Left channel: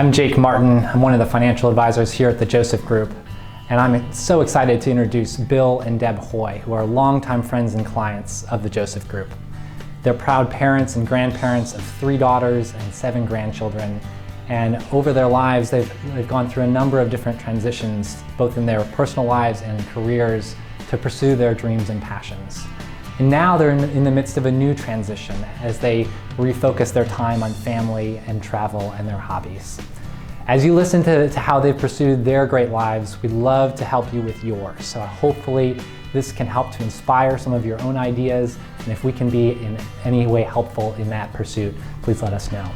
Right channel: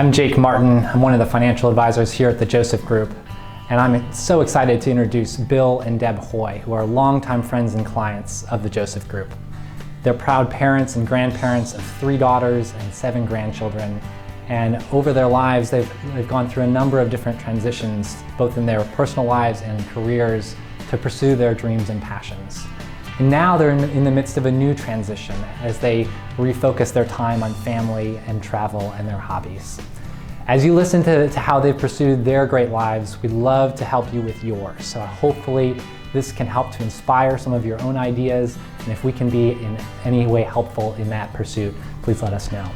I'm Jake Martin. I'm one of the financial advisors here at the Joseph Group, and I'm so excited to introduce Bill and Deb Hoy, who are longtime friends and clients of the Joseph Group. They're proud parents and grandparents of 3 daughters and 7 grandchildren, and over their lives they've gone through a number of different transitions, both in their personal lives and careers, to pursue their dreams and passions. And now they're in the midst of a new transition as they refocus their time on family and travel and their hobbies. As you listen to how they've pursued their great lives, we'd love to help you with yours. So hopefully this can help to inspire some of your own ideas, and if we can be in any way helpful in that pursuit, please let us know.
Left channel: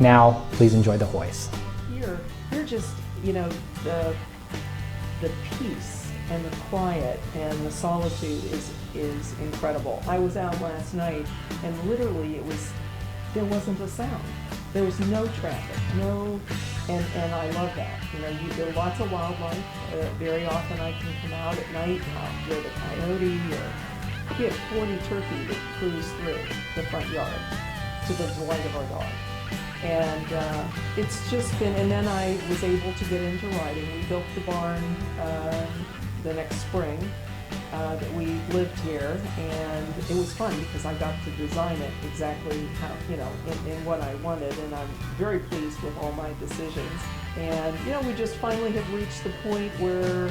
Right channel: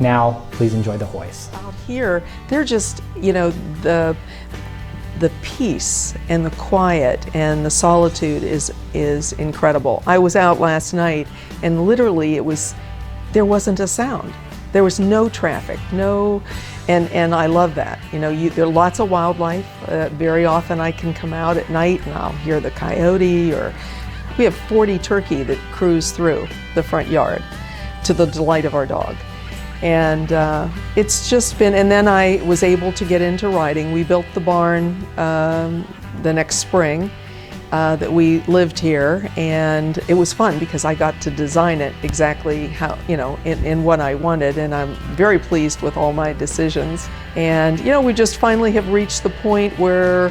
Now, please enjoy the Hoys. Here, they're just, the peace and the quiet and the solitude is incredible. I was out last night and literally there wasn't a sound. There was no traffic, and I love that. There are lots of wildlife. Very often I can come out at night and I'll hear the coyote, or we have 40 turkey that cruise through the front yard to the delight of our dog. And it's just been, and then I was able to get into riding. We built the barn the next spring that we lived here, and it was fun because I got to design it exactly how, in what I wanted, and I'm very pleased with all my decisions. And we just finally have reached the point where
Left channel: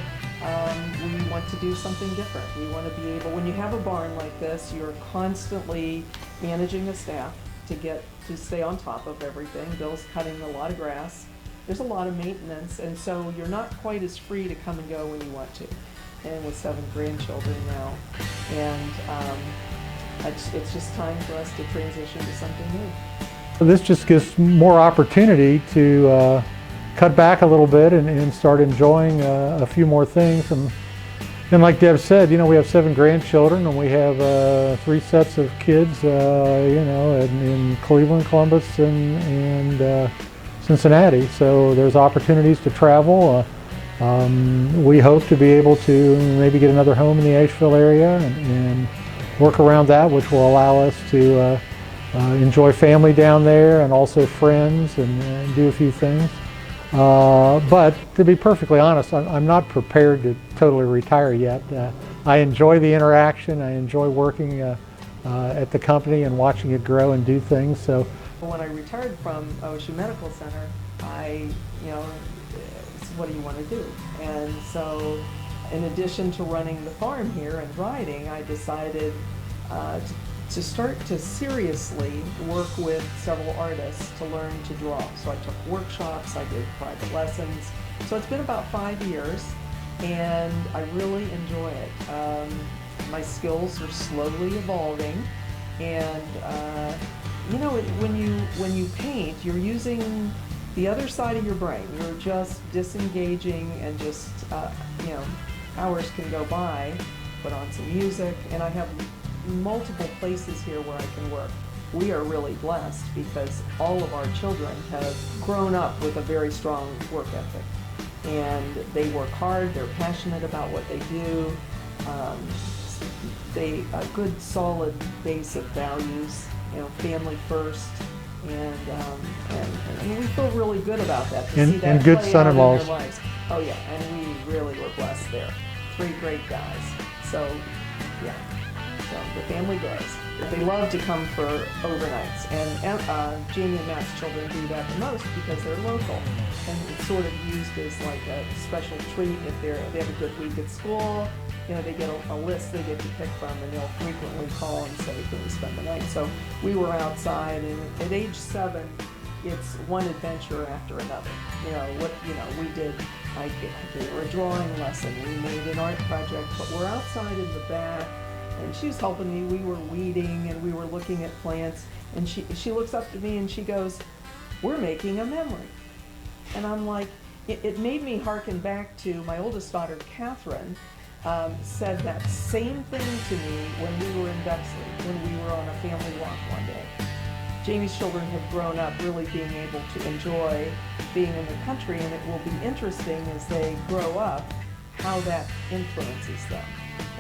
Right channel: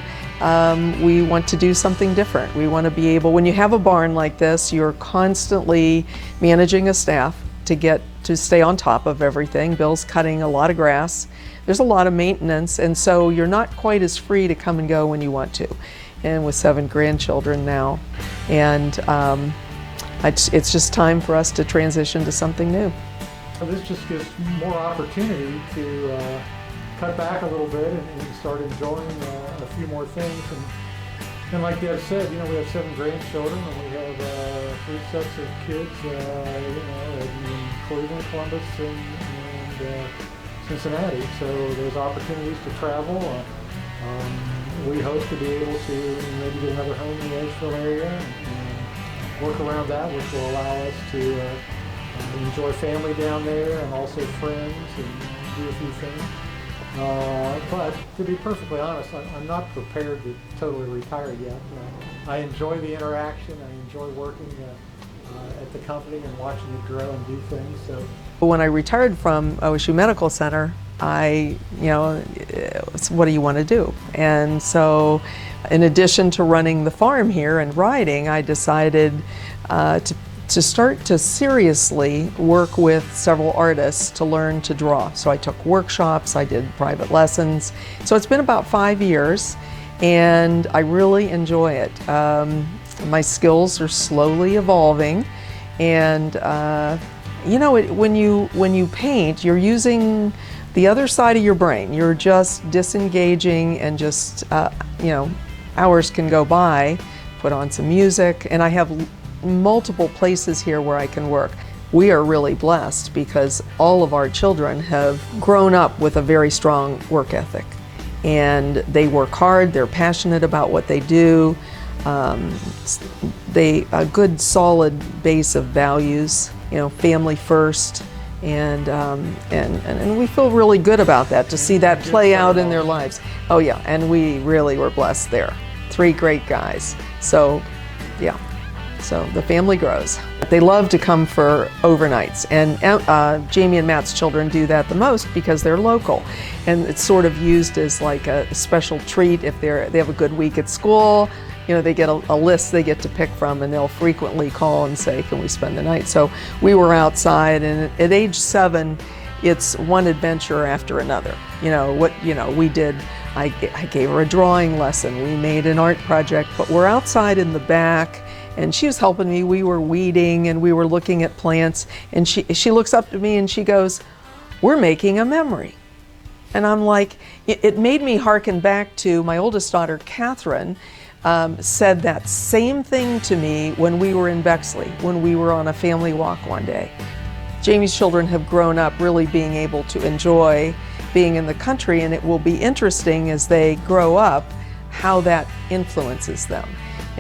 we want to do something different. We want to be able, when you have a barn like this, you're constantly managing a staff to stay on top of everything. Bill's cutting a lot of grass. There's a lot of maintenance, and so you're not quite as free to come and go when you want to. And with 7 grandchildren now, and it's just time for us to transition to something new. This just gives more opportunity to cut back a little bit and start enjoying a few more things. And like Deb said, we have 7 grandchildren, and we have 3 sets of kids, in Cleveland, Columbus, and Cincinnati. So there's opportunities to travel. We hope to be able to maybe get another home in the Asheville area and work around that, which will allow us to enjoy family down there and also friends and do a few things. But to be perfectly honest, I'm not prepared to totally retire yet. I enjoy the interaction. I enjoy working at the company and watching it grow and do things. So when I retired from OSU Medical Center, what do you want to do? And so in addition to running the farm here and riding, I decided to start to seriously work with several artists to learn to draw. So I took workshops, I did private lessons. So it's been about 5 years, and I really enjoy it. My skills are slowly evolving, and when you paint, you're using the other side of your brain. You're just disengaging, and just hours can go by. Put on some music, and I have multiple places here where I can work. We are really blessed because all of our children have grown up with a very strong work ethic, and they work hard, they're passionate about what they do. A good solid base of values, family first, and we feel really good about that, to see that play out in their lives. Oh yeah, and we really were blessed there. 3 great guys. So yeah. So the family grows. They love to come for overnights, and Jamie and Matt's children do that the most because they're local, and it's sort of used as like a special treat if they have a good week at school. They get a list they get to pick from, and they'll frequently call and say, "Can we spend the night?" So we were outside, and at age 7, it's one adventure after another. We did. I gave her a drawing lesson. We made an art project, but we're outside in the back. And she was helping me. We were weeding and we were looking at plants, and she looks up to me and she goes, "We're making a memory." And I'm like, it made me hearken back to my oldest daughter, Catherine, said that same thing to me when we were in Bexley, when we were on a family walk one day. Jamie's children have grown up really being able to enjoy being in the country, and it will be interesting as they grow up how that influences them.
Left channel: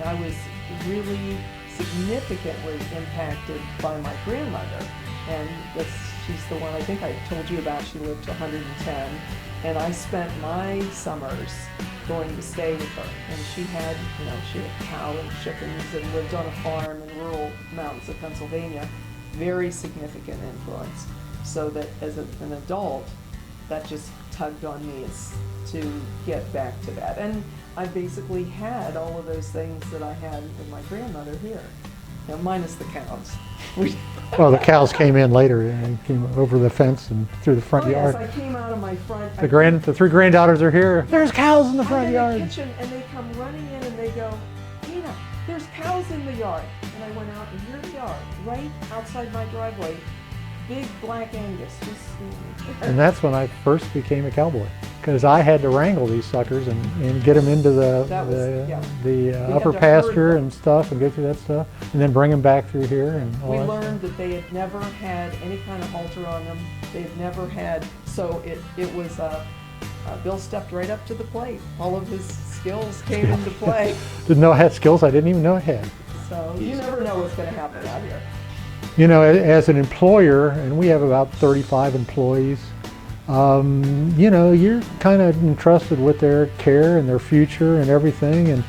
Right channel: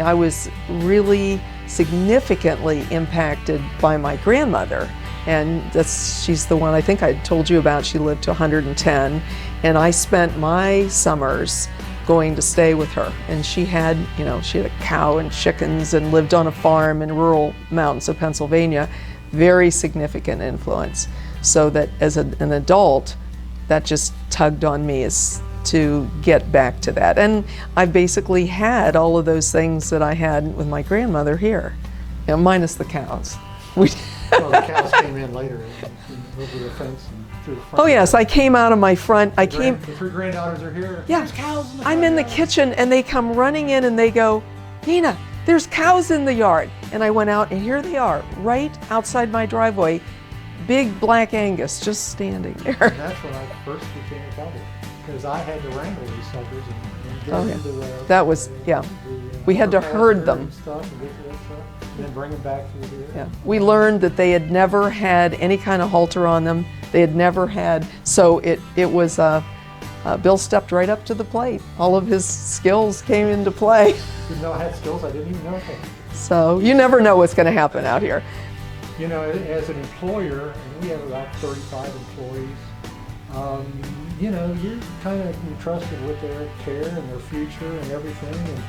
I was really significantly impacted by my grandmother, and she's the one I think I told you about. She lived to 110, and I spent my summers going to stay with her. And she had a cow and chickens and lived on a farm in rural mountains of Pennsylvania. Very significant influence. So that as an adult, that just tugged on me as to get back to that. And I basically had all of those things that I had with my grandmother here, minus the cows. Well, the cows came in later and came over the fence and through the front yard. Yes, I came out of my front. The three granddaughters are here. Yeah, there's cows in the front I'm in yard. the kitchen and they come running in and they go, Nina, there's cows in the yard. And I went out and here they are, right outside my driveway, big black Angus just standing there. And that's when I first became a cowboy, because I had to wrangle these suckers and get them into the we had to herd them and stuff and get to that stuff, and then bring them back through here. And we learned that they had never had any kind of halter on them. They had never had, so it was Bill stepped right up to the plate. All of his skills came into play. Didn't know I had skills I didn't even know I had. So you never know what's going to happen out here. You know, as an employer, and we have about 35 employees, you're kind of entrusted with their care and their future and everything,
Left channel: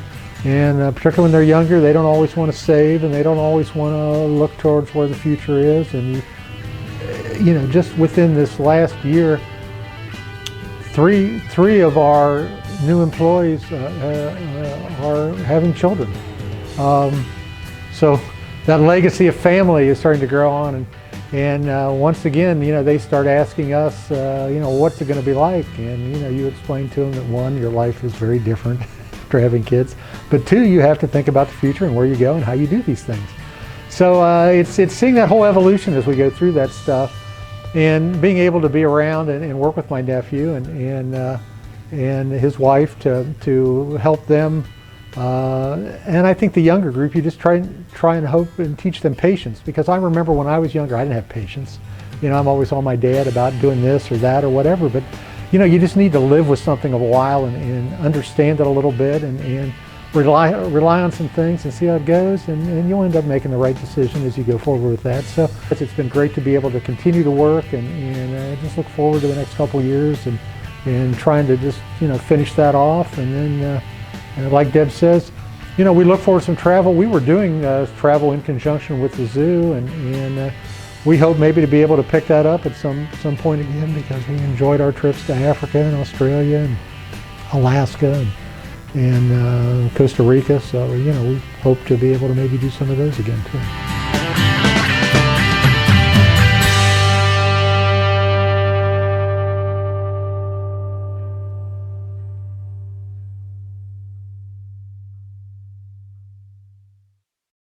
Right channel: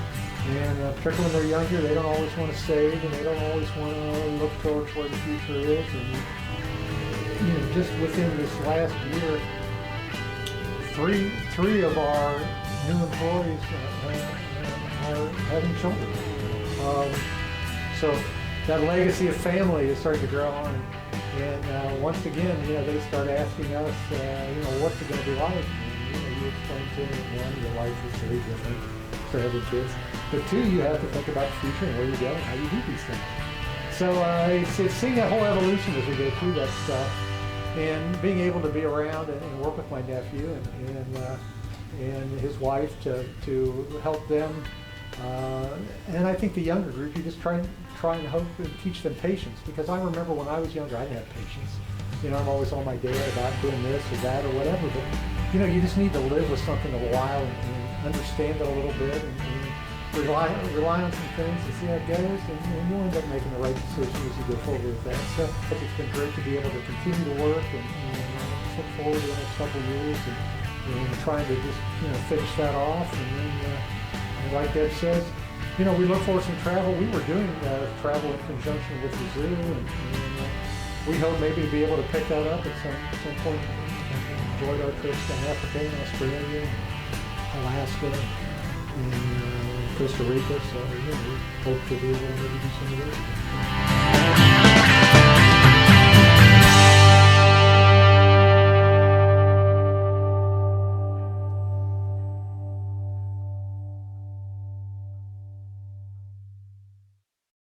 and particularly when they're younger, they don't always want to save and they don't always want to look towards where the future is. And just within this last year, three of our new employees are having children. So that legacy of family is starting to grow on, and once again, they start asking us, what's it going to be like? And you explain to them that one, your life is very different after having kids, but two, you have to think about the future and where you go and how you do these things. So it's seeing that whole evolution as we go through that stuff, and being able to be around and work with my nephew and his wife to help them. And I think the younger group, you just try and hope and teach them patience, because I remember when I was younger, I didn't have patience. I'm always on my dad about doing this or that or whatever, but you just need to live with something a while and understand it a little bit and rely on some things and see how it goes, and you'll end up making the right decision as you go forward with that. So it's been great to be able to continue to work and just look forward to the next couple of years and trying to just finish that off. And then like Deb says, we look forward to some travel. We were doing travel in conjunction with the zoo, and we hope maybe to be able to pick that up at some point again, because we enjoyed our trips to Africa and Australia and Alaska and Costa Rica. So we hope to be able to maybe do some of those again too.